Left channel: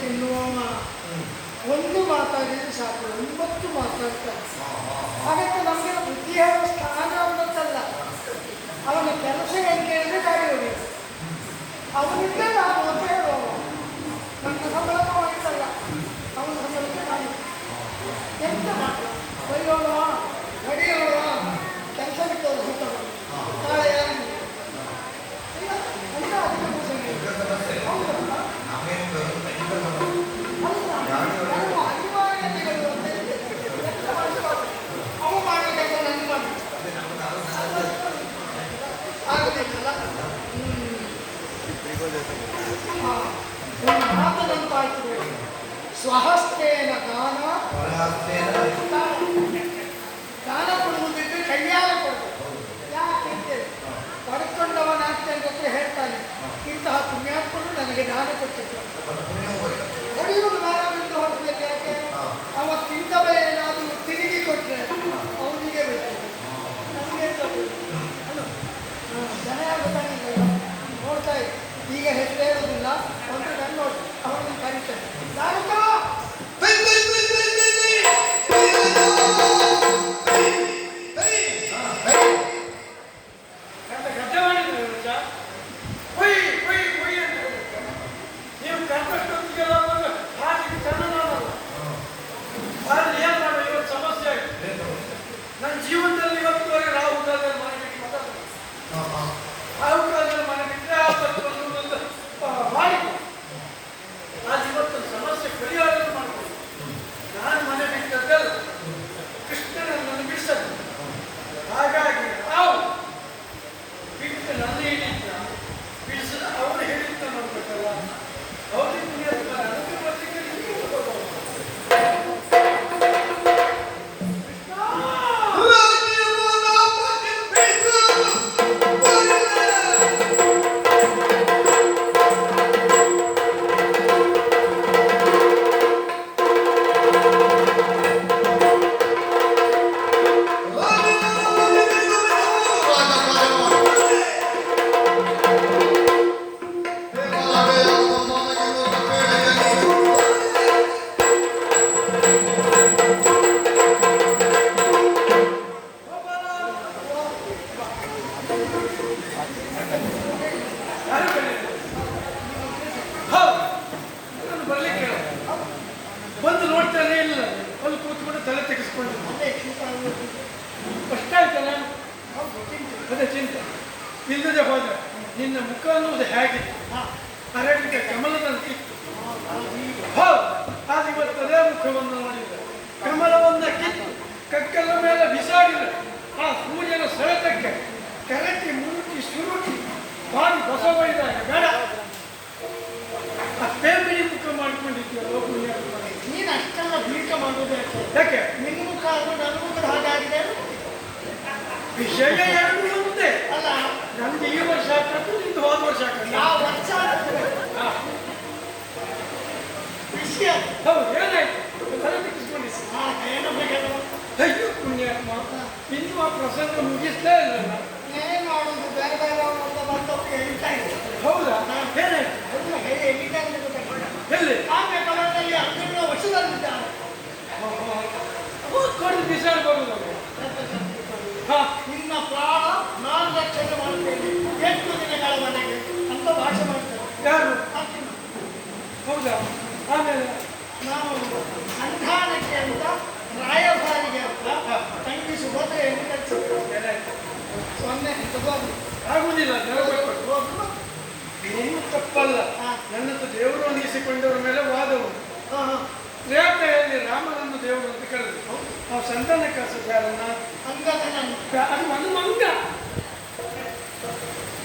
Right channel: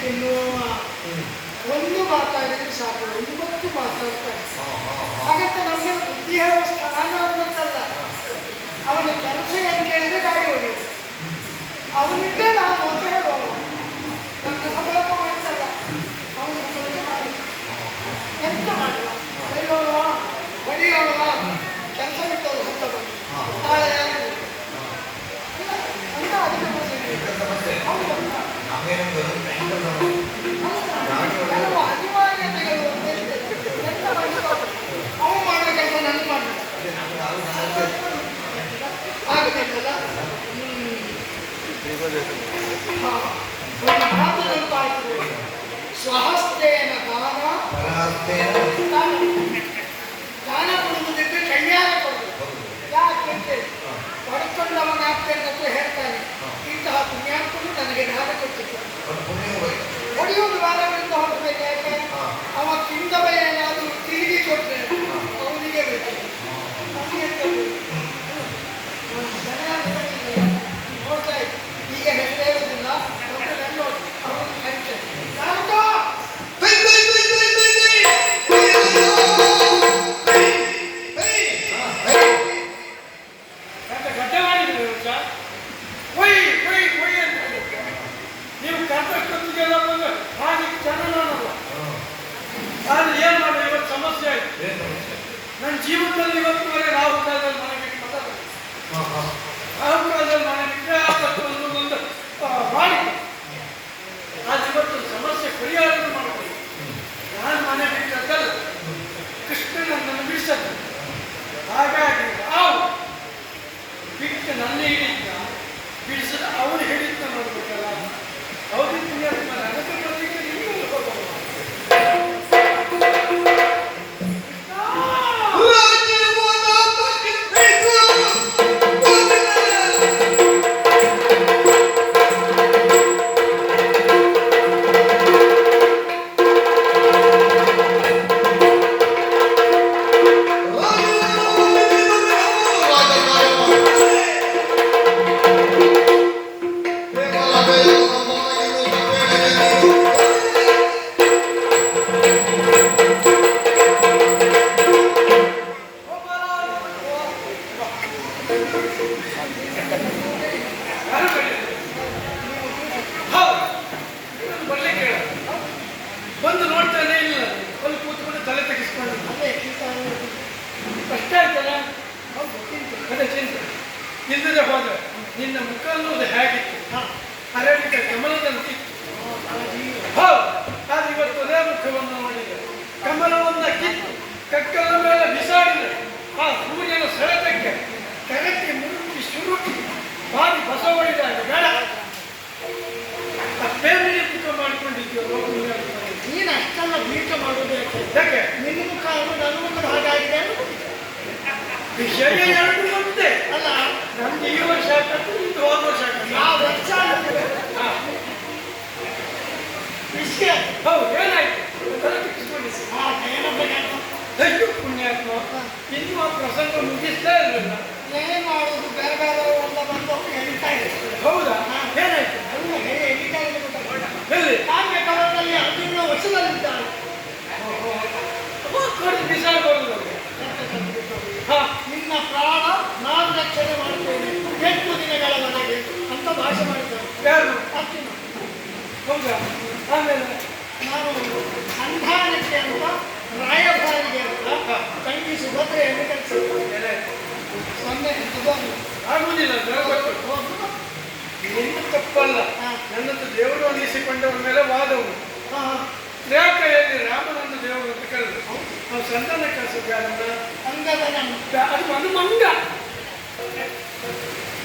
ತಿನ್ನು ಒಂದು ಮಾತಾಡಿದ್ರೆ ಸಾಕು, 9 ಮಾತಾಡ್ತಾರೆ. ಹಾಗಂತ ನಮಗೆ ಬುದ್ಧಿ ಹೇಳುವ ಸ್ಥಾನ ಅನ್ನೋದಲ್ಲ. ಅವನ ಕೆಲಸ ಹೆಂಗೆ ಅಂದರೆ ಗಾಡಿ ಹೊಡೆಯೋದು. ಅವನಿದ್ದೇ ನಾವು ಅಂತ ಹೇಳುವ. ನನ್ನ ಸಂಬಳ ಮಾಡ್ತಲ್ಲ, ಅವನ ಸಂಬಳಕ್ಕೆ ಮಾಡಿ ಎಂತ ಮಾಡುವ, ಬರೆಯೋಳುವ ಹೊಡೆಯೋಳುವ ಕೆಲಸ ಬಿಟ್ಟವರು ಹೊತ್ತವರು ಸ್ವಹಸ್ತೇನ ದಾನ ಕೊಡುವುದಿದ್ರೆ ಕೈಯಾರ ಕೊಡುವುದು. ಯಾಕೆ ಪಡ್ಕೊಂಡವನಾಗ್ತೇನೆ ಅಂತ ಹೇಳ್ತಾನೆ. ಇಂತಹ ಪುಣ್ಯಾತ್ಮನು ನನಗೆ ದಾನ ಕೊಟ್ಟಿದ್ದು ಹೊಡೆಯುವುದು ಬಾರವರಿಂದ ಹೊರಬೇಕು. ಯಾಕೆ ಅವ ತಿಂದವ ಏನಾದರೂ ತಿರುಗಿ ಕೊಟ್ಟರೆ ಅವನಿಗೆ ಬೇಕು, ನೋಡ್ತಾ ಇದ್ದೆ. ಈಗ ಹೇಳುವುದಿಲ್ಲ, ಅವರನ್ನು ಕರೀತೇನೆ. ನನ್ನ ಜೀವನದಲ್ಲಿ ಇವತ್ತುವರೆಗೆ ರಾಹುಲ್ ಕಾಲದಲ್ಲಿ ಮನೆ ಬಿಟ್ಟು ಮಾತಾಡ್ತಾರೆ. ರಾಹುಲ್ ಕಾಲದಲ್ಲಿ ಮನೆ ಬಿಟ್ಟರೆ ಒಂದು ಮಾಡಿ ಅದು ಇವತ್ತು ಸಮಸ್ಯೆ ಪರಿಹಾರ ಮಾಡಬಹುದು. ನಾನು ಮನೆ ಬಿಟ್ಟದ್ದಲ್ಲ, ಕೃಷ್ಣನನ್ನು ಬಿಡಿಸದ್ದು. ಹಾಗಾಗಿ ರಾವು ಬಿಟ್ಟು ನನ್ನ ಹಿಡಿತ ಬಿಡಿಸಿದ ಅವನು ಹೇಳಿದ್ದ ನೋಡ್ಬೇಕಲ್ಲ. ಹೌದು ಪುಣ್ಯಾತ್ಮ, ಅದಕ್ಕೆ ಬರ್ಲಿಕ್ಕೆ ಬಂದು ನೋಡ್ತಾನೆ ಇಲ್ಲ. ಅಲ್ಲಿ ಕೂತ್ಕೊಂಡು ತಲೆ ತೆಗೆಸ್ಕೊಂಡು ಕಷ್ಟ ಆಯ್ತಲ್ಲ, ಅದೇ ಚಿಂತೆ ಇಲ್ಲದೆ ಹೋದ. ನಿನ್ನ ಮುಖ ಅನ್ನೋದು ಹೇಗಿತ್ತು, ಅರಳಿದ ಕಮಲದಂತಿತ್ತು. ಆದ್ರೆ ಇವತ್ತು ಅದೇ ಮುಖವನ್ನು ನೋಡಿದೆ. ಕಮಲವನ್ನ ಕಿತ್ತು ಕಕ್ಕಲ ಮೇಲೆ ಬಿಸಾಡಿದ ಆ ಸೂರ್ಯನ ಸೆಳೆತಕ್ಕೆ ಕರಟಿ ಮುರುಕಿ ಶುರುಕಿ ಬಾರಿ ಬಸವಳಿದಾಗ ಬೇಡ ಬೇರೆ ಮುಖ ಮಾಡಿಕೊಂಡಿದ್ದೀವೋ. ನೀನು ಅಷ್ಟೆಲ್ಲ ಬೀಟ ಮಾಡೋದು ಯಾಕೆ? ನಿನ್ನ ಮುಖ ನನ್ನ ಮುಖ ಹಾಗಾಗಿದೆ. ವಿಷಯ ಎರಡು ಒಂದೇ ಅಲ್ಲ, ನಮ್ಗೆ ಈ ವರ್ಷ ಹಾಕತ್ತು, ನಿಂದು ಹೋದ ವರ್ಷ ವಿಷಯ ಹೌದು. ಏನಾಯ್ತು? ತಲೆ ತೆಗೆಸ್ಕೊಂಡಿಸಿ ಅಯ್ಯೋ ಪುಣ್ಯಾತ್ಮ, ಇನ್ನು ಆ ಪ್ರಸಂಗ ಮುಗಿಸ್ತಾ ಇರಲಿಲ್ಲ. ಏನ್ ಮಾಡೋದು, ಬೇರೆ ಬೇರೆ ಬಂದು ಎಳಿತಾ ಇದ್ದಾರೆ. ಹೌದಾ? ಏನಾಯ್ತು? ಎಳಿತಾ ಇದ್ದಾರೆ. ಎಲ್ಲಿ? ಕಾವ್ಯ ಕಲರಲ್ಲಿ ಅರ್ಜುನ ವಶದಲ್ಲಿದ್ದಾರೆ. ಬಿಸಾಡ್ಬೋದು. ನಿನ್ನ ಪ್ರಾಣ ನಾನು ರಕ್ಷಣೆ ಮಾಡ್ತೇನೆ 8 ದಿನಗಳ ಮನೆಗೆ ಅಂತ ಭಾಷೆ ಮಾಡ್ತಾರೆ. ಯಾರು? ಅರ್ಜುನ. ಹೌದಾ? ಆಮೇಲೆ ನಾವು ಸಂಧಾನಕ್ಕೆ ಅಂತ ರಾಯಭಾರಿಗೆ ಅಂತ ತಂಗಿ ಸುಭದ್ರೆಯನ್ನು ಕಳಿಸಿದ್ದೇವೆ. ಸೊನ್ನೆ ಆಗುವುದಿಲ್ಲ. ನಿನ್ನ ತಪ್ಪಲ್ಲ, ನನ್ನದು ದೇವರು ಅನ್ನಿಸಿಕೊಂಡವರ ಮೇಲೆ ವಾದವು. ರೇಖೆಯಲ್ಲಿ ರಾಮನನ್ನು ದೇವರು ಅಂತ ಕರೆದು ನಾವು ಸಂಧಾನ ಕಳಿಸೋದ್ಯಾರನ್ನ ಅದು ಒಂದು ಮಂಗ.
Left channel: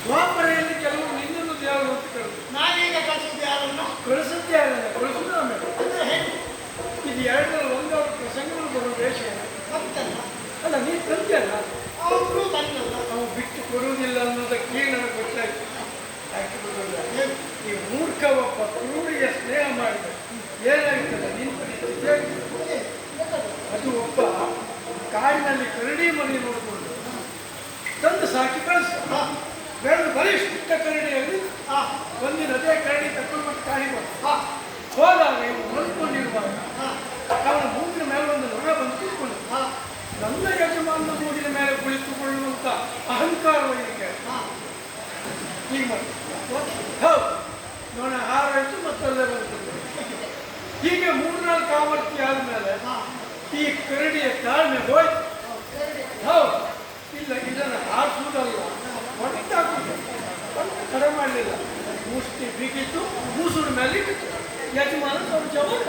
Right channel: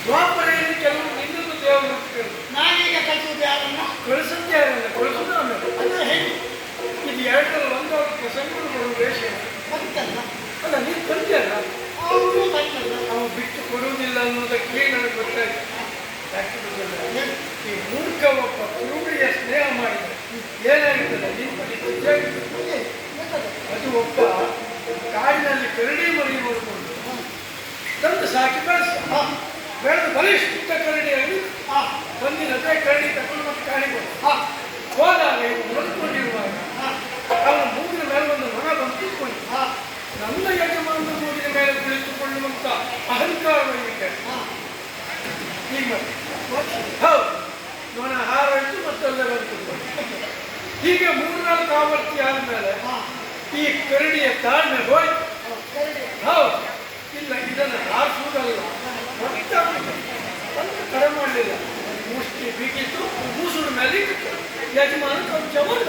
ದ್ವಾಪರೆಯಲ್ಲಿ ಕೆಲವು ನಿನ್ನದು ದೇವರು ಅಂತ ಕರೆದು ನಾನೀಗ ಕಳಿಸೋದು ಯಾರನ್ನ? ಕಳಿಸುತ್ತಾರಲ್ಲ, ಕಳಿಸೋದು ಆಮೇಲೆ. ಅಂದ್ರೆ ಹೇಗೆ? ಇದು ಎರಡರಲ್ಲಿ ಒಂದವ್ರ ಪ್ರಸಂಗಗಳು ಬರುವ ವೇಷ ಬಂತಲ್ಲ. ಅಲ್ಲ, ನೀನು ತಂದೆಯಲ್ಲ, ಅವರು ಬಂತಲ್ಲ. ಅವ ಬಿಟ್ಟು ಕೊಡುವುದಿಲ್ಲ ಅನ್ನೋದಕ್ಕೆ ನನಗೆ ಗೊತ್ತಾಯ್ತು. ಯಾಕೆ ಗೊತ್ತಿಲ್ಲ, ಈ ಮೂರ್ಖ ಒಬ್ಬ ಕ್ರೂರಿಯ ಸ್ನೇಹ ಮಾಡಿದ ಏನಾಗಿತ್ತಲ್ಲ ನೀನು ಅದು ಒಬ್ಬ ಕಾಡಿನಲ್ಲಿ ಕರಡಿ ಮರಿ ನೋಡಿಕೊಂಡು ತಂದು ಸಾಕಿ ಕಳಿಸ ಬೆಳೆದು ಬಲಿಷ್ಠ ಕರಡಿಯಲ್ಲಿ ಬಂದಿನ ಅದೇ ಕರಡಿ ತಗೊಂಡು ಕಾಣಿಕೊಂಡು ಹೋದ. ಹೌದು, ನೋಣ ಹಾರಾಯಿತು ಮತ್ತೆಲ್ಲ ಬಂತು. ಹೀಗೆ 3-4 ಆವರ್ತಿ ಆದ್ಮೇಲೆ ಈ ಕರಡಿಯ ತಾಳ್ಮೆ ಹೋಯ್ತು. ಹೌದು, ಇಲ್ಲ ಇದನ್ನು ಹಾರಿಸುವುದಲ್ಲ, ಕರೆ ಮಾಡಲಿಲ್ಲ. ಮುಷ್ಟಿ ಬಿಗಿತು, ಮೂಸುಡ ಮೇಲೆ ಇತ್ತು. ಯಜಮಾನ ಕೊಂಚ ಬಂದ.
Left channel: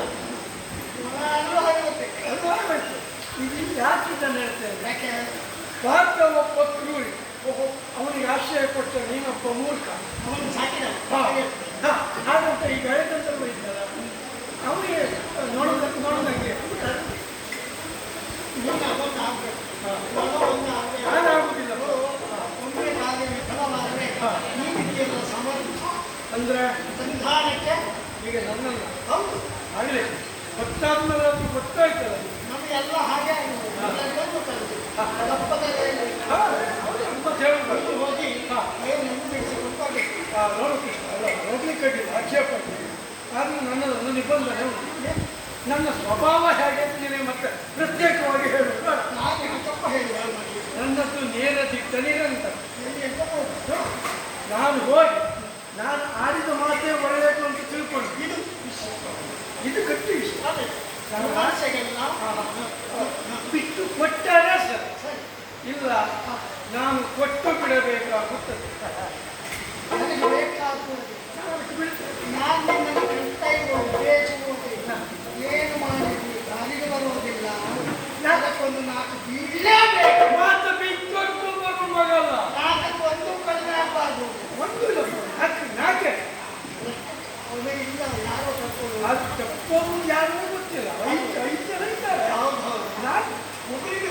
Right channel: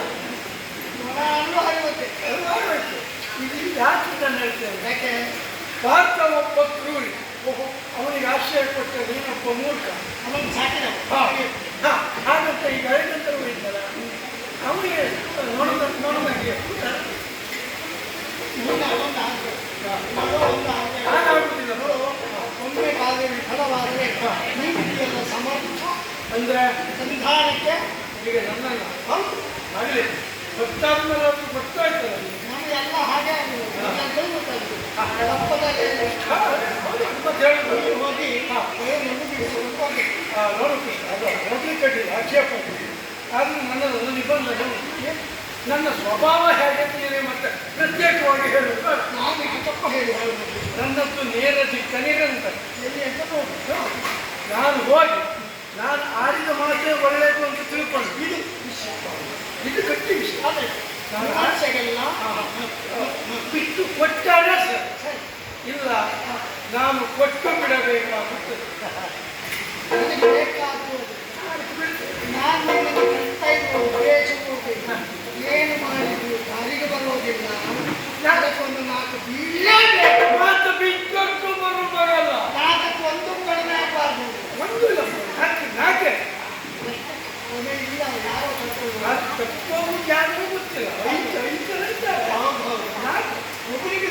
ಇಲ್ಲಿ ಯಾಕೆ ಇದನ್ನು ಹೇಳ್ತೇನೆ? ಯಾಕೆ ಪಾತ್ರ ಒಬ್ಬ ಕ್ರೂರಿ, ಅವನಿಗೆ ಆಶ್ರಯ ಕೊಟ್ಟ ನೀನೊಬ್ಬ ಮೂರ್ಖ, ಅವನಿಗೆ ಸಾಕಿದ ಹಾಗಂತ ಈಗ ಹಳೆದಂತರೂ ಇದ್ದಲ್ಲ, ಅವನಿಗೆ ನೋಡೋದಾಗೆ ಅಂದ್ರೆ ಸಂಧಾನಕ್ಕೆ ಈಗ ನನ್ನನ್ನು ಆಗಲಿ ಗೊತ್ತಾದ್ಮೇಲೆ ಅದು ಗೊತ್ತಾಯ್ತಲ್ಲ ನಮಗೆಲ್ಲ ಹಾಗೆ ಹೋಗಿ ನೋಡು ಕೃಷ್ಣ, ಅದು ಹೋಗ್ಲಿಕ್ಕೆ ಆಕ್ಷೇಪ ಆದರೂ ನನ್ನದೊಂದು ನಿಬಂಧನೆ, ನನ್ನ ಸ್ವಭಾವ ಹೇಗೆ ಮತ್ತೆ ಪ್ರತ್ಯೇಕವಾಗಿ ಹೇಳುವ ನನ್ನದ್ದು ನೇರ ದಿಕ್ಕ ನಿರಂತರ. ನಾನು ಹೋಗಿ ನಾನು ಆಡಿದ ಮಾತೇ ಒಳ್ಳೆಯದು ಅಂತ ತಿಳ್ಕೊಂಡು ಇದು ಗಟ್ಟಿ ವಿಷಯ. ಬಿಟ್ಟು ಕೊಟ್ಟಾಗ ಸರ್, ಇಲ್ಲ ನಾನು ಕೊಟ್ಟು ಬಿಡಬೇಕಾಗುತ್ತದೆ. ಏನು ಮಾಡಿದ್ವಿ ದಾರಿಗೆ ಬರೋದಿಲ್ಲ, ಅದಕ್ಕೊಂದು 4 ಮಾತು ಬಿಟ್ಟು ಬರುವಾಗಲ್ಲ, 4 ಕಡಿಮೆ ಆಗಬಾರ್ದು. ಒಂದು ನಾಕೆ ಇಲ್ಲ ಯಾರೋ ತಪ್ಪು ಯಾರಿಗೂ ಗೊತ್ತಿಲ್ಲ, ಇದ್ದಾರೆ ಒಬ್ಬರಿಗೆ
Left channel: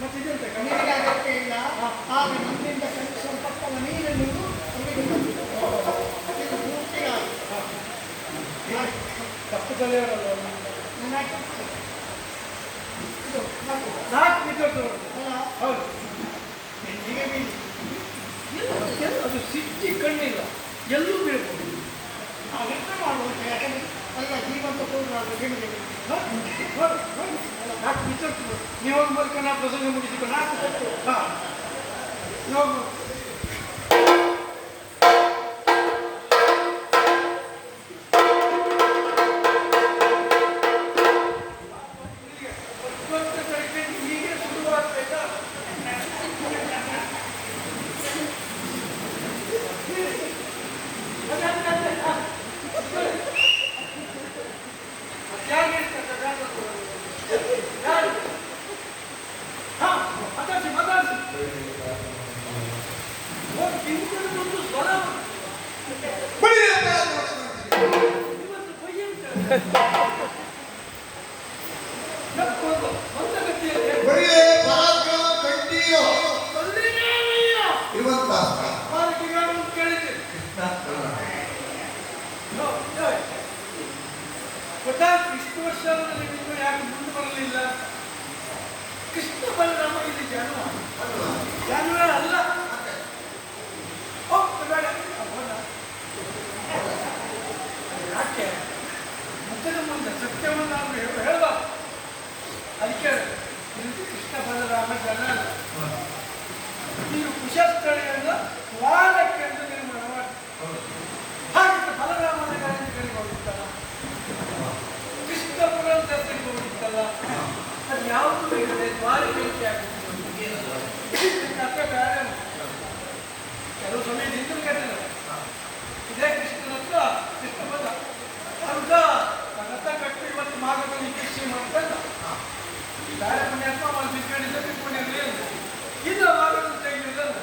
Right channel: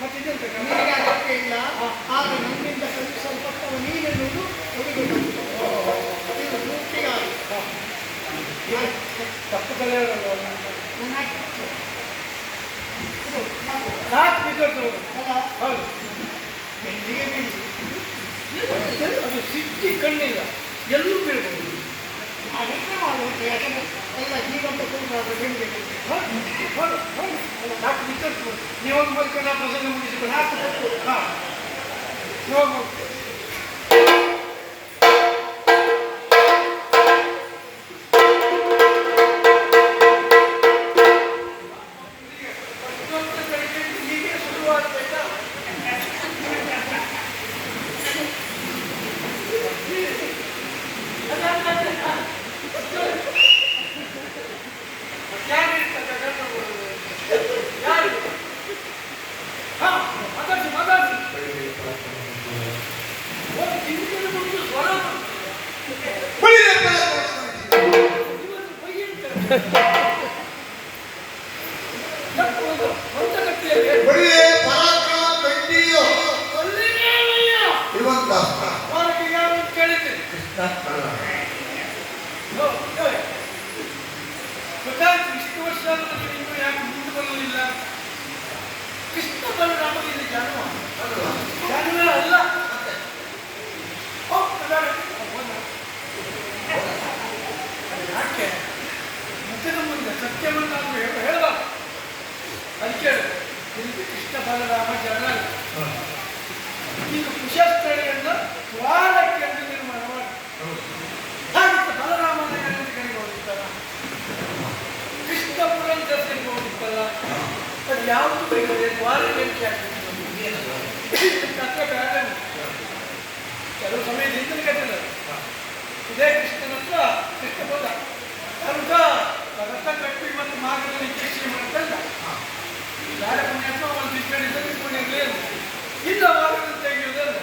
ಮತ್ತೆ ಇದೆಂತ ನನಗೆ ಅಗತ್ಯ ಇಲ್ಲ. ಆಗ ನನ್ನಿಂದ ಕಲಿಸಲ್ಪಟ್ಟವ ನೀನೆನ್ನುವುದು ಅವರಿಗೆ ಇದು ಪೂರ್ತಿಯಾಗಿ ತಪ್ಪು ಕಲಿಯೋರಲ್ಲ ಹೌದು. ಎಲ್ಲಿಗೆ ಬೀಳಿ ಅದು ಸಿಕ್ಕಿ ಕಣ್ಣಿಲ್ಲ, ಎಲ್ಲೂ ಬೀಳ್ಬೋದು. ಅದಕ್ಕೆ ಮಾಡುವುದು ಯಾಕಂದ್ರೆ ಎಲ್ಲ ಹೀಗಂತ ಕೂಡಲಾಗ ನಿಮಗೆ ನಾಲ್ಕು ವಿಚಾರಿಸ್ಬೋದು. ನೀವು ಬರ್ಕೊಂಡು ನಾ ಪ್ರಸಂಗ ಮುಗಿಸಿಕೊಂಡು ಹಾಂ ಇವಾಗ ಹೀಗೆ ಶುರುವಾಗ್ತಾ ಇಷ್ಟು ವರ್ಷ ನನಗೆ ಇನ್ನೂ ಯಾಕೆ ಮುಂದೆ ಬರಲಿಲ್ಲ? ಕೃಷ್ಣ ಬಲರಾಮ ಇದು ಜನ್ಮ ಅಲ್ಲ. ಯಾಕೆ ಮುಖದ ಮುಂದೆ ಸತ್ಯವನ್ನು ಹೇಳಬಾರ್ದು. ಅದಕ್ಕೆ ಇದು ಕೃಷ್ಣ ಬಲರಾಮ ಜನ ಇದು ಕುಶಸ್ಥಳಿಯನ್ನು ವಾರಕ್ಕೆ ನಿರ್ಮಾಣ ಮಾಡಿ ಹಾಗಿತ್ತು. ಬಲರಾಮನ ಕಡೆಗೆ ಹೋಗಿತ್ತಲ್ಲ, ಕೃಷ್ಣಪುರ ಜಾತ್ರೆಗೆ ಹೋಗಿತ್ತಲ್ಲ, ಅದು ಯಾವುದು ಬೇಕಿದೆ ದ್ವಾರಕ್ಕೆ ಕೆಲವು ಸಮಯದಿಂದ ಕಟ್ಟಿಲ್ಲ. ಇದೇ ಕೃಷ್ಣನ ಹತ್ರ ಕೃಷ್ಣ ಬಂದ ಅರ್ಧ ರಥ ಕಟ್ಟಿ ಮತ್ತು ಮಾರ್ಗದಲ್ಲಿ ಕೃಷಿ ಮಾಡ್ತಲ್ಲ, ಬೇರೆ ಪುಣ್ಯಪ್ಪ ಒಂದು ಇದ್ರಲ್ಲಿ ಪುಣ್ಯದಲ್ಲಿ ಇಲ್ಲ ಮಾರ್ಗದಲ್ಲಿ ತೆಗೆಯುವುದಲ್ಲ.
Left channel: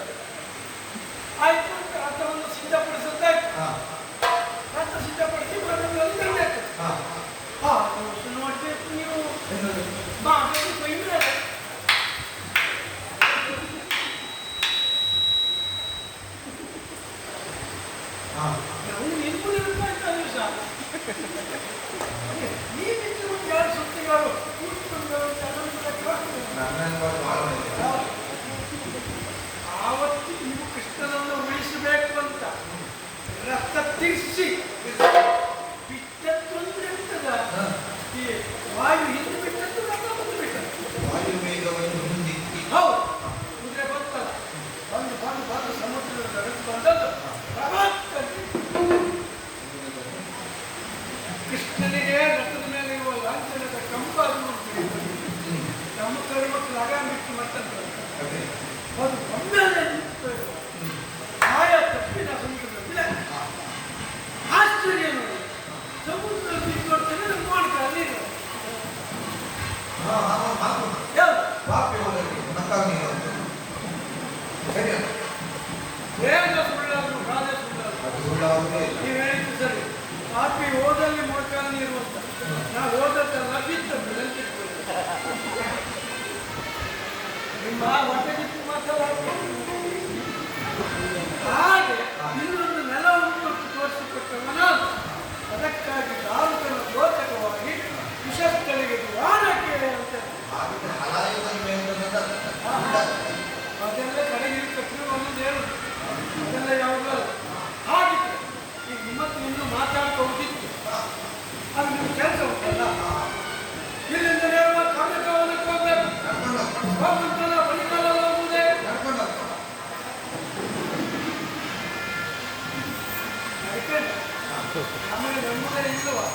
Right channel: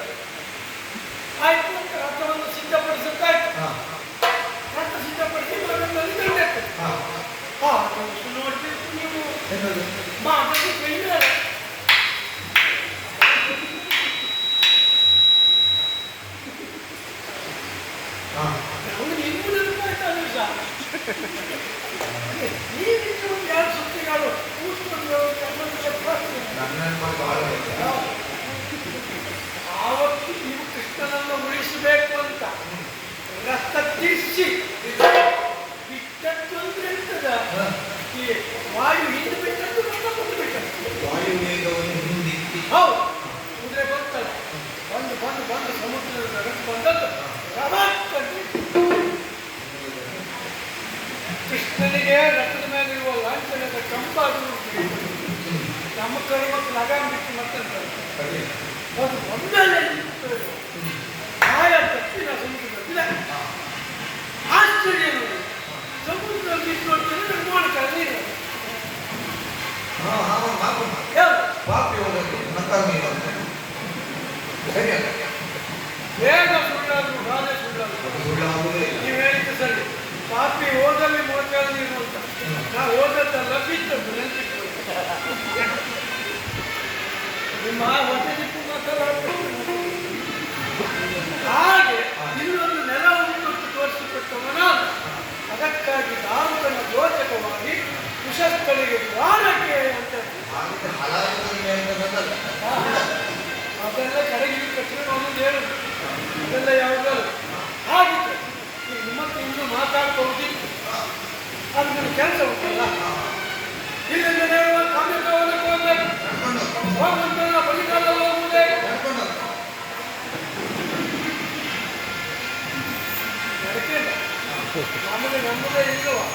ಆಯ್ತು, ರಥವನ್ನು ಸಿದ್ಧಪಡಿಸುತ್ತಾಯ್ತು. ರಥ ಸಿದ್ಧಪಡಿಸಿ ಮಾರ್ಗದಲ್ಲಿ ಬಿಡಬೇಕು. ನೋಡ್ತೀವಿ ನೀವು ಮಾರ್ಗದಲ್ಲಿ ಬೆಳೆದ ಕೃಷ್ಣನಿಗೆ ರಥದ ಮೇಲಿರುವ ಲಾಂಛನದ ಕಂಪಾದು ನಮ್ಮ ಕರ್ಮಕ್ಕೆ ಲಗಾಮ್ ಬಿಟ್ಟು ಮತ್ತಂತಾರೆ ಅದು ಒಮ್ಮೆಲೆ ಆಯ ತಪ್ಪಿನ ಸಮುದ್ರ ಇಲ್ಲ ಆಶ್ಚರ್ಯ ನೋಡಿ ಸಮುದ್ರದಲ್ಲಿ ನೋಡ್ತಾನೆ ನಿರ್ಮಾಣಕಾರ ನೀರು ಬೇಗ ಸುಳ್ಳಾದ್ರು ಬಾಧೆ ಸುಳ್ಳಾದ್ರು ನೀವು ಹೇಳಿದ್ದು ಸರಿ ಪಾಪಿ ಓದಲ್ಲಿ ಮೊಳಕಾಲ ನೀರು ಅಂತ ನಾವು ಓದದ್ದಲ್ಲ ಬಿದ್ದದ್ದು ನೆನಪಿಟ್ಟು ನಿಮ್ಮ ಹೊಟ್ಟೆ ಬಿಟ್ಟು ಮಾತಾಡಬೇಕು ಹಾಗೆ ಇನ್ನೊಂದು ನೆಲವನ್ನು ತೋರಿಸಿಕೊಟ್ಟವನ ಅದಕ್ಕಾಗಿ ನಾಮಕನ ರೋಚಕವಾಗಿ ಕುಶಸ್ಥಳಿಗೆ ದ್ವಾರಕ್ಕೆ ಅಂತ ಅಂತೆಲ್ಲ ಕಡೆಗೆ ತಕ್ಷಣ ಒಂದು ಹೇಳುದು ಅದೆಲ್ಲ ಯಾವುದಲ್ಲ ಹಾಗಿತ್ತು ಈಗ ನಿಮ್ಮತ್ತು ಇನ್ನೂ ಮಾತಾಡ್ಕೊಂಡಿತ್ತು ಅದು ನಿಮ್ಮ ಕೆಲಸ ಉಂಟಲ್ಲ ಇಲ್ಲಿಂದ ನೀವು ಕಾಮ್ಯಕವನಕ್ಕೆ ಹೋಗ್ಬೇಕು ಹೋಗುತ್ತಲ್ಲ ಬಳಿಗಾಲ ಹೋಗುವುದೇ ಅದಕ್ಕೆ ನಮಗೆ ನಂಬುದೇ ಇಲ್ಲವಾ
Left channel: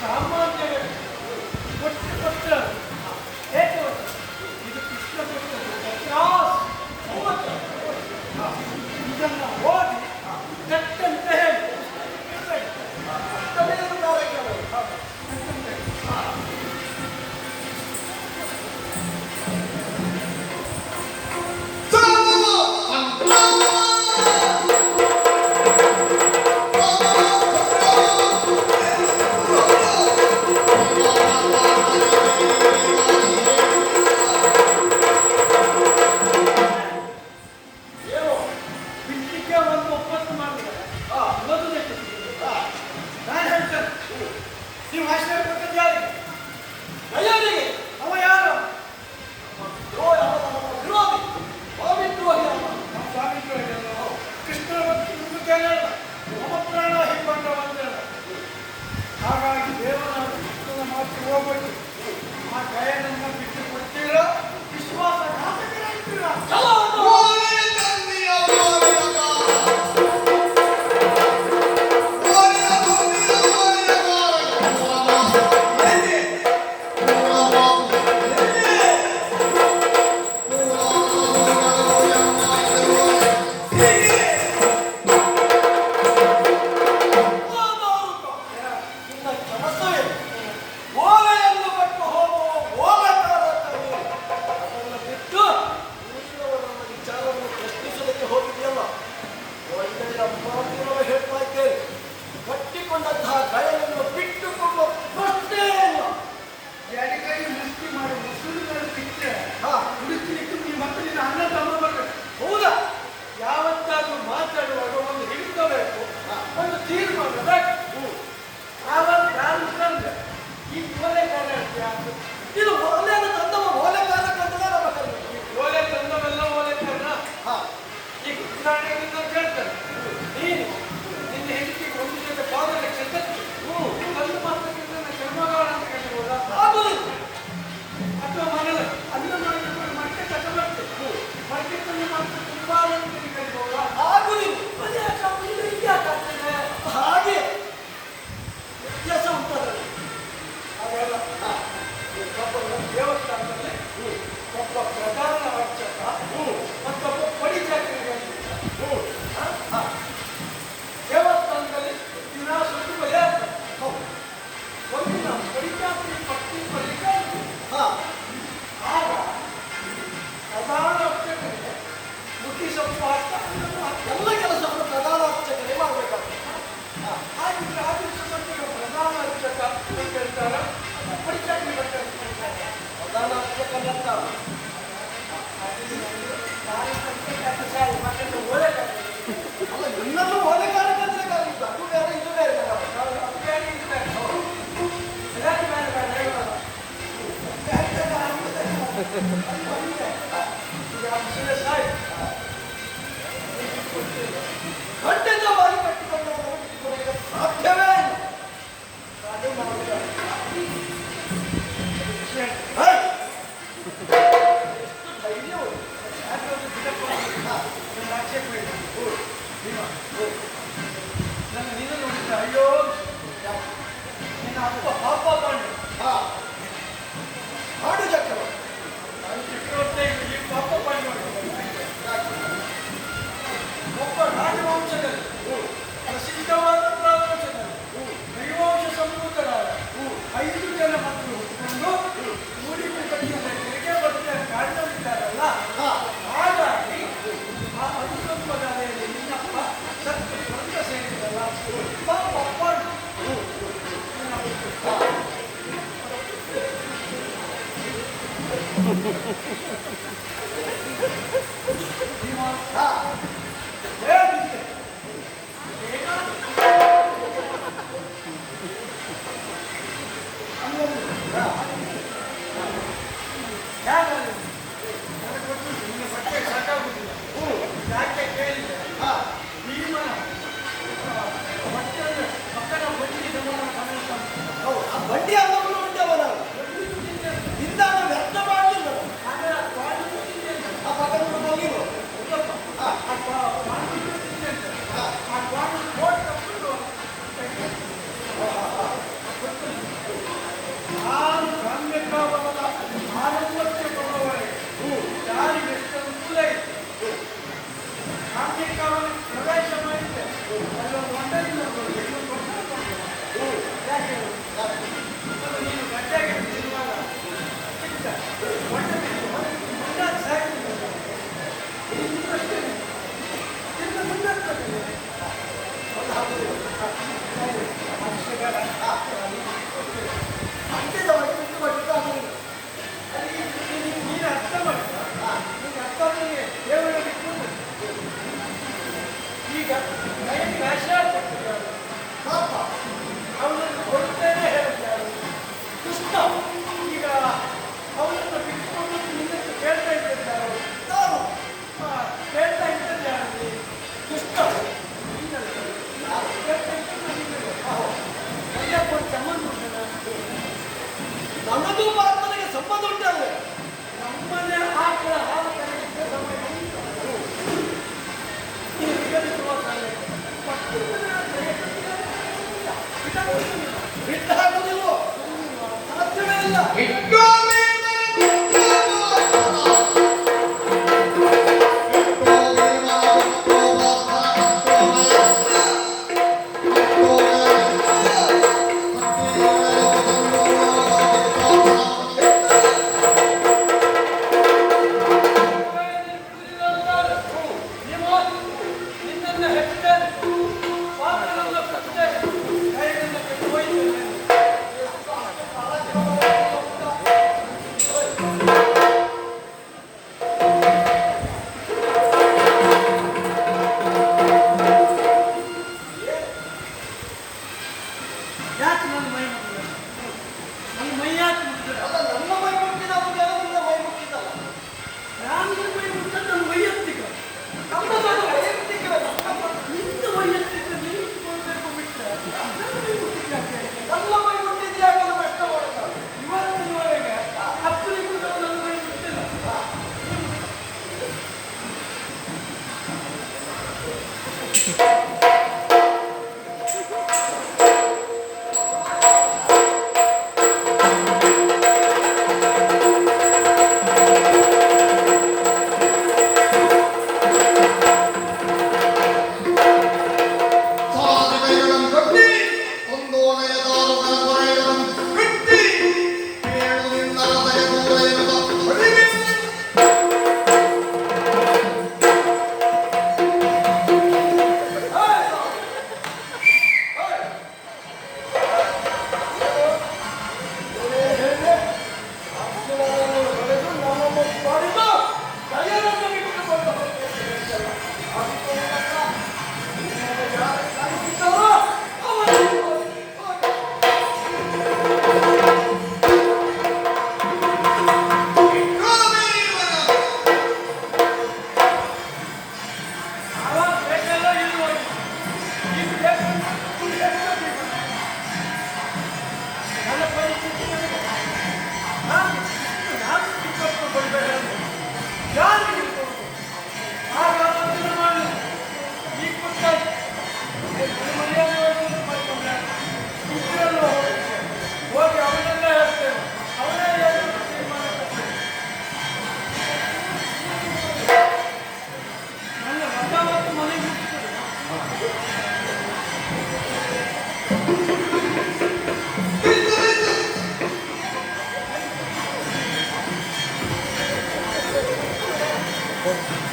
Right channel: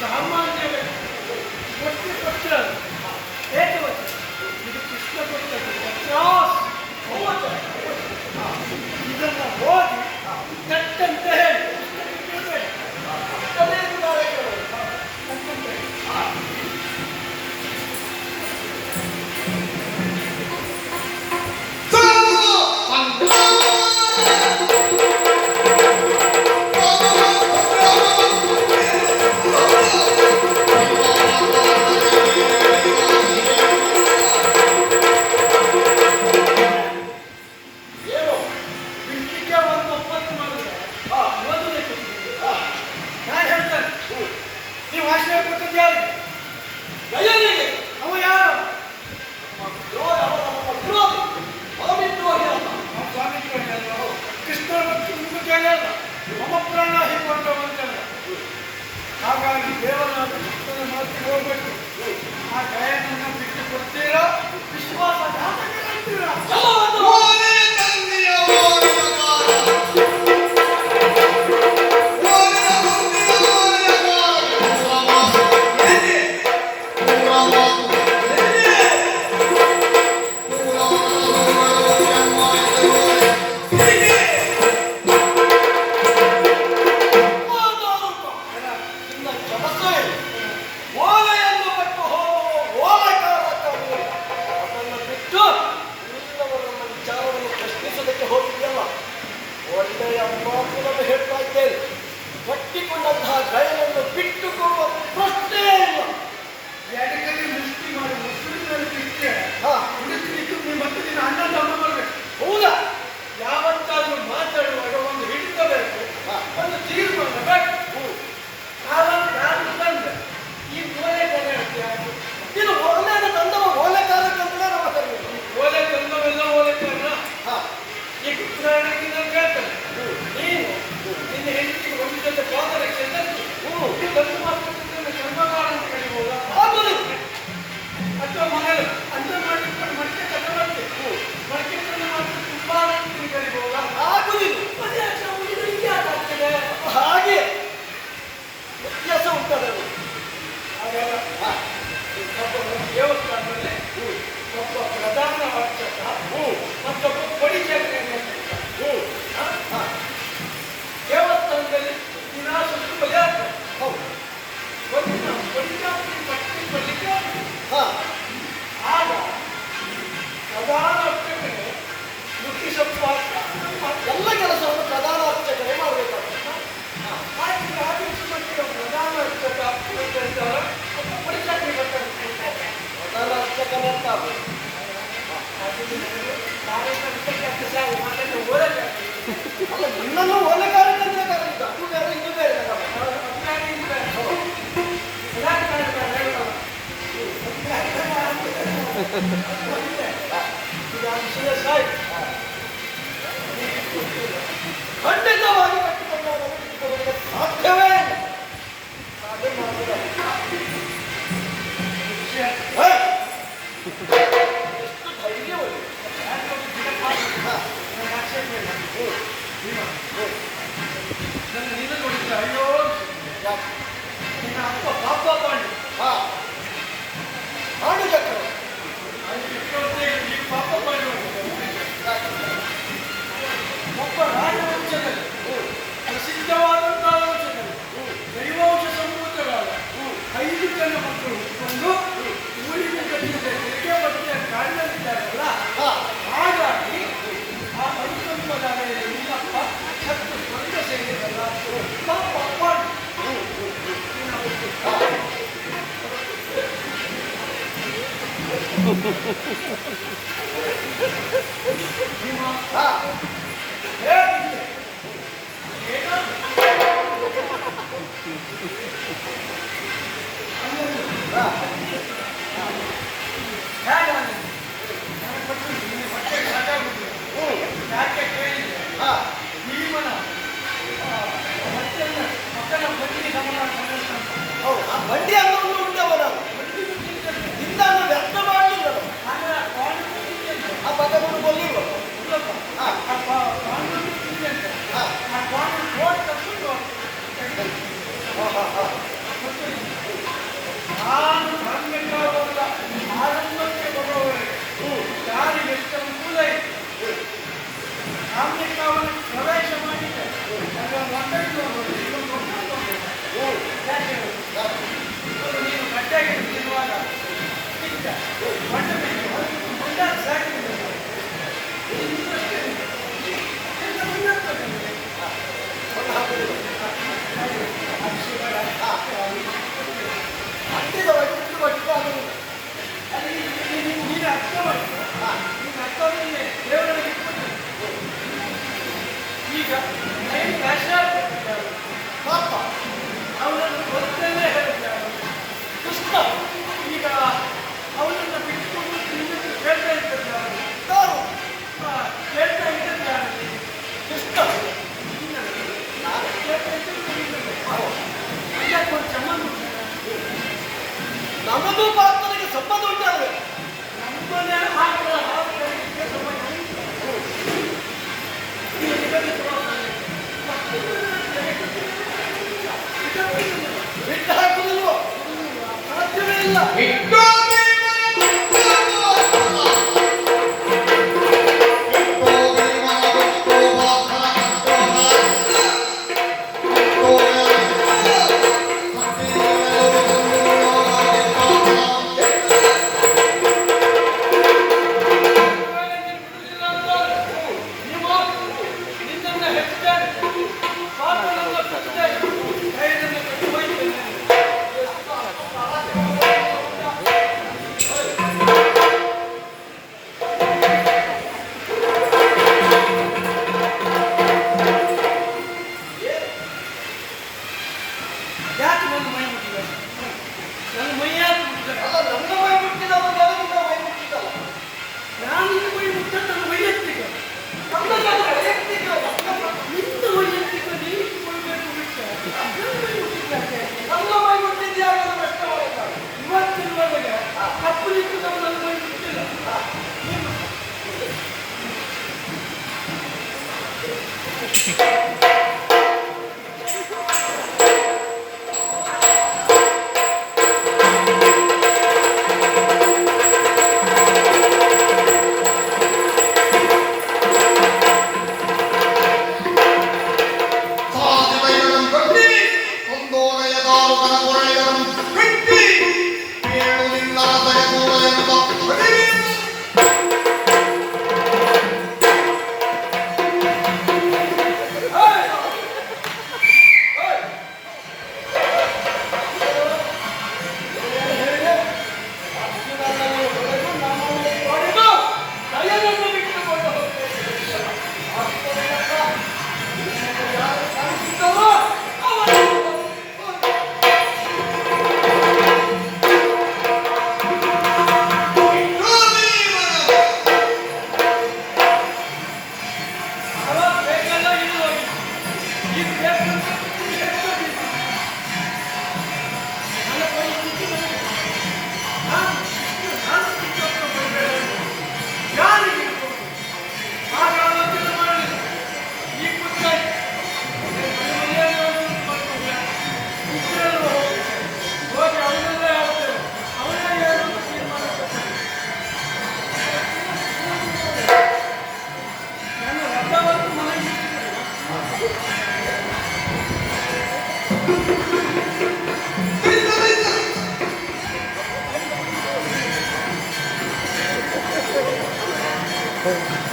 ಸಾಮಾನ್ಯ ವ್ಯಕ್ತಿ ಇದನ್ನ ಓದಿ ಕೆಟ್ಟಂತೆ ಹೇಳಿ ಅಷ್ಟೇನು ಕಾರ್ಯಕ್ರಮ ಕೆಟ್ಟಂತೆ ಹೇಳಿ. ಏನು ಬಿಡ್ಲಿಕ್ಕೆ ಒಂದು ಒಪ್ಪಂದ ಮಾಡಿದ್ರೆ ಮೊದಲೇ ಕೊಟ್ಟಿದ್ದೀವಿ. ನಾನು ಹೇಳ್ತೇನೆ ನೀವು ಆಶ್ರಯ ಕೊಟ್ಟದ್ದು ಯಾರಿಗೆ? ದಯಾನಿಗೆ ಅವ ಯಾರು? ದ್ರೋಹ ಅವನ ವಿರೋಧಿ ಸ್ವಾಮಿದ್ರೋಹಿ ಅಲ್ಲ ನಮ್ಮ ಸ್ವಾಮಿ ಕೃಷ್ಣ ಮತ್ತು ವಿಮುಖನೇ ಅಲ್ಲ, ನಮ್ಮ ಪ್ರಾಣ ಹಿಡ್ಕೊಂಡವಂತಲ್ಲ. ಹಾಗಾಗಿ ದೇವನಾದ ಕೃಷ್ಣನ ಮಾತು ಹೋಗ್ಬೇಕು. ಆ ದಯನನ್ನ ಬಿಟ್ಟು ಕೊಡ್ತೀರಾ? ವಿಶ್ವಾಸಘಾತಕರಾಗ್ತೀರಾ? ನಿನ್ನ ಕೆಲಸ ಏನು? ಓಲೆಯನ್ನು ಬಿಟ್ಟು ಹೋಗುವ ಓಲೆಕಾರಕ್ಕಾಗಿ ಅದನ್ನು ಬಿಟ್ಟು ನೀನವರನ್ನ ವಿಚಾರವನ್ನು ಪ್ರಶ್ನಿಸೋದಕ್ಕೆ ಹೋಗಿದೆಯಲ್ಲ, ಒಳ್ಳೆಯ ಮಾತು ನಾನು ಹೇಳ್ತಾ ಇದ್ದೇನೆ. ಕಟ್ಟಿಕೊಂಡಂತಹ ಗಯವನ್ನು ಬಿಟ್ಟುಕೊಡುವ ಪ್ರಶ್ನೆಯೇ ಇಲ್ಲ. ಎಡಗೈ ಮುಷ್ಟಿ ಮಾಡಿ ಮುಸುಳಿನಲ್ಲಿ ಬಿಟ್ಟರೆ ಹಾ, ಹುಡುಕಲಿಕ್ಕೆ ನೀವು ಮತ್ತೆ ನಿನ್ನ ಅಣ್ಣ ತಮ್ಮ ಬರಬೇಕು. ಹೌದಾ? ಯಾವತ್ತಾದ್ರೂ ಮಾತಾಡುವಾಗ ಒಂದು ಹಿಡಿತ ಬೇಕು, ಹಾ. ಒಂದು ತೀರ್ಮಾನ ಬೇಕು. ಯಾವತ್ತು ಯಾರು ತಂದ್ರೆ ಈ ಓಲೆ ಕನ್ನಡ ಇದು ಓಲೆಯನ್ನು ತಂದವ ಓಲೆಕಾರಕ್ಕಂತಲೇ ನಮ್ಮ ಕರೆಯುವುದು. ಈ ಓಲೆ ತಂದವೆಲ್ಲ ಓಲೆ ಕಾರಣ. ಹಾ, ಈಗ ಉದಾಹರಣೆಗೆ ನಾನು ಕೇಳ್ತೇನೆ, ನೀನು ನಿನ್ನ ಹೆಂಡತಿಗೆ ಒಂದು ಜೊತೆ ಪಾದರಕ್ಷೆ ತಕ್ಕಿ ಒಂದು ಮಾತನ್ನು ಕರ್ಮಗಾರ ಅಂತ ಕರೀಬಹುದಾ? ಆಗುವುದಿಲ್ಲ. ಅಥವಾ ಮಗಳು ಅನ್ನ ಮಾಡಿಕೊಂಡು ಮತ್ತೆ ಕಥ ಮಾಡ್ಬೇಕು, ಮಡಿಕೆಯನ್ನು ಮಾತ್ರ ಕುಂಬಾರ ಅಂತ ಕರೀಬಹುದಾ? ಆಗುವುದಿಲ್ಲ. ಮತ್ತೆ ಯಾಕೆ ಅವ್ನು ಇದು ಹೀಗೆ ಯಾಕೆ ಆಗ್ತಿದೆ? ಹಾಗೆ ವ್ಯತ್ಯಾಸ ಉಂಟದಲ್ಲಿ. ಹಾಗಾದ್ರೆ ಒಬ್ಬ ದೇವಸ್ಥಾನದಲ್ಲಿ ಒಬ್ಬ ಪ್ರಧಾನ ಅರ್ಚಕ ಮತ್ತೊಬ್ಬ ಪಡಿಚಕ್ರೆ ದೇವಸ್ಥಾನದಲ್ಲಿ ದಿನ ಸುತ್ತು ಬಲಿ ಆಗ್ತದೆ. ಹೌದು. ಒಂದಿನ ಪಡಿಚಾಕ್ರಿ ಪಟ್ಟಿ ಬಲಿಗೆ ಹಾ, ಆಗ ಪ್ರಧಾನ ಅರ್ಚಕರೇ ಮುಟ್ಟಿ ಸೊಪ್ಪು ಹಾಕ್ತಾ ಎಲ್ಲ ಕೆಲಸವನ್ನು ಪ್ರಧಾನ ಅರ್ಚಕರೇ ಮಾಡಬೇಕಾಗ್ತದೆ. ಹಾಗಿದ್ರೆ ಆ ದಿವಸ ಮಟ್ಟಿಗೆ ಪ್ರಧಾನ ಅರ್ಚಕ ಅಂತ ಹೇಳ್ತಾರೆ, ಪಡಿಚಾಕ್ರಿ ಬರ್ತಾರೆ ಅಂತ ಹೇಳ್ತಾರೆ. ಪ್ರಧಾನ ಅರ್ಚಕನೇ ಅಂತ ಅದು. ಅಲ್ಲ, ನಿನ್ನನ್ನು ಓಲೆಕಾರಕ್ಕಂತಲೇ ಕರೆಯುವುದು. ಅದು ಬೇರೆ ಇದು ಬೇರೆ ನಮ್ಮ. ಖಂಡಿತವಾಗಿ ಕಟ್ಟಿಕೊಂಡವರನ್ನು ಬಿಟ್ಟುಕೊಡಲಿಕ್ಕೆ ಸಾಧ್ಯವೇ ಇಲ್ಲ. ಅದು ಮಾಡುವುದಲ್ಲ. ಹೇ! ಎಷ್ಟು ಧೈರ್ಯ ಉಂಟು. ನಿನ್ನ ನೋಡಿದ್ರೆ ಅಯ್ಯೋ ನಿನ್ನ ಅಪ್ಪ ಪಾಪ ಮಾಡಿ ಹಾ, ಹಾಡು ಚಕ್ರವರ್ತಿ. ಈ ಪಾಪ ಮಾಡಿ ಒಬ್ಬ ರಾಜವಂಶದಲ್ಲಿ ಪ್ರಸಿದ್ಧವಾದಂತಹ ವಂಶದಲ್ಲಿ ದೈವಾಂಶ ಸಂಭೂತರಾದ 5 ಜನ ಮಕ್ಕಳು ಹುಟ್ಟಿಕೊಂಡು ಊರಿನ ಜೊತೆ ತೆರಿಗೆ ಬಟ್ಟೆ ಕಾರಣವಿದ್ದಾರಲ್ಲ, ಹಾ, ಹಾಗಾಗಿ ಆ 5 ಪದಗಳಲ್ಲಿ ನಿನ್ನಪ್ಪ ಸತ್ತು ಸ್ವಂತ ಸೇರಿದಲ್ಲ ಪಾಪ ಮಾಡಿ ಹಾ. ಹೇಗಿದ್ದೆ ಯಾಕೆ ಕೇಳಿದ್ರೆ ಹಾ, ಭೀಮನ ಮಕ್ಕಳ ಬಡ್ಡಿ ಗಮನ ಹೌದು. ಆ ಬಂಡಿ ಅಂಗವನ್ನು ಉಂಟವನು ಇಂದ ವ್ಯರ್ಥ ಮಾಡಲಿಲ್ಲ. ಆ ಪದವನ್ನು ಕೊಲ್ಲಿರುವ. ಹಾ, ಹಾ. ನಾನು ಕಾಣ್ಬೇಕಾದವರ ಆರಂಭಕ್ಕೆ ಬರುವವರೆಗೆ ಯಾರಿಗೆ ಎಷ್ಟು ಅನುಕೂಲ ಇದೆ, ಅದಕ್ಕೆ ಅವನು ಪ್ರವೇಶ ಮಾಡಿದ್ದೆ ಅದೊಂದು ಒಂದೈದು ಯಾಕೆ ಒಂದು ನೀನು ಗಡ್ಡೆಗೆ ತಿನ್ನುವಾಗ ಚಿಕ್ಕ ಮೊಟ್ಟೆ ಬೇಕು ಮೊಟ್ಟೆ ಸಾಕು ನೀನು ಅರ್ಥ ಮಾಡಿ ನೀನು ಅರ್ಥ ದೇವರಲ್ಲಿ ಈಗ ಪಾಪ ಅವನನ್ನು ಗೊತ್ತೇನೆ ಹೇಳ್ತಾರೆ ಕೃಷ್ಣ ಈಗ ಅವನನ್ನು ಬಿಟ್ಕೊಂಡು ನಿನ್ನನ್ನು ಕೇಳ್ತಾ ಇದ್ದಾರೆ ನಾನು ಕೇಳ್ತಾ ಇದ್ದಾರೆ ಕೃಷ್ಣ ನಾನು ಕೇಳ್ತಾ ಇದ್ದೇನೆ ಒಂದು ಸಂಬಂಧ ನಮ್ಮದು ಪಾತ್ರನಿಗೆ ಸಂಬಂಧ ಉಂಟಲ್ಲ ನಮ್ಮದೇ ಹಾಕುವ ಹಾಕಲಿಕ್ಕೆ ಸಂಬಂಧ ಬಿಟ್ಟು ಹಾಕುವುದಿಲ್ವೋ ಸಾಧ್ಯವೇ ಇಲ್ಲ ಯಾಕೆ ನನ್ನ ಮೈ ಮುಟ್ಟಿದ ನನ್ನ ಮೈ ಯಾಕೆ ಮುಟ್ಟಿದ ಅಲ್ಲ ನನ್ನ ಮೈ ಮುಟ್ಟಿದವನಿಗೆ ನಿನ್ನ ಮೈ ಮುಟ್ಟಿದಲ್ಲ ನಾನು ಮೈ ಮುಟ್ಟ ನನ್ನ ವೈಯಕ್ತಿಕ ನಮ್ಮ ಮೈ ವೈಯಕ್ತಿಕ ನಿನ್ನ ವೈಯಕ್ತಿಕ ನೀನು ಕೊಡಬೇಕು ಬಿಟ್ಟ ನನ್ನ ಮೈ ಮುಟ್ಟಿದ್ದಾಕೆ ನನ್ನ ಮೈ ಮುಟ್ಟಿದ್ಯಾಗ ಪ್ರಶ್ನೆ ಮಾಡಿದ್ದಾರೆ ಇವತ್ತಿನವರೆಗೆ ಕಪ್ಪು ನಿಂತಿದ್ದವ ನನ್ನ ಮೈ ಮುಟ್ಟಿಲ್ಲ Oh.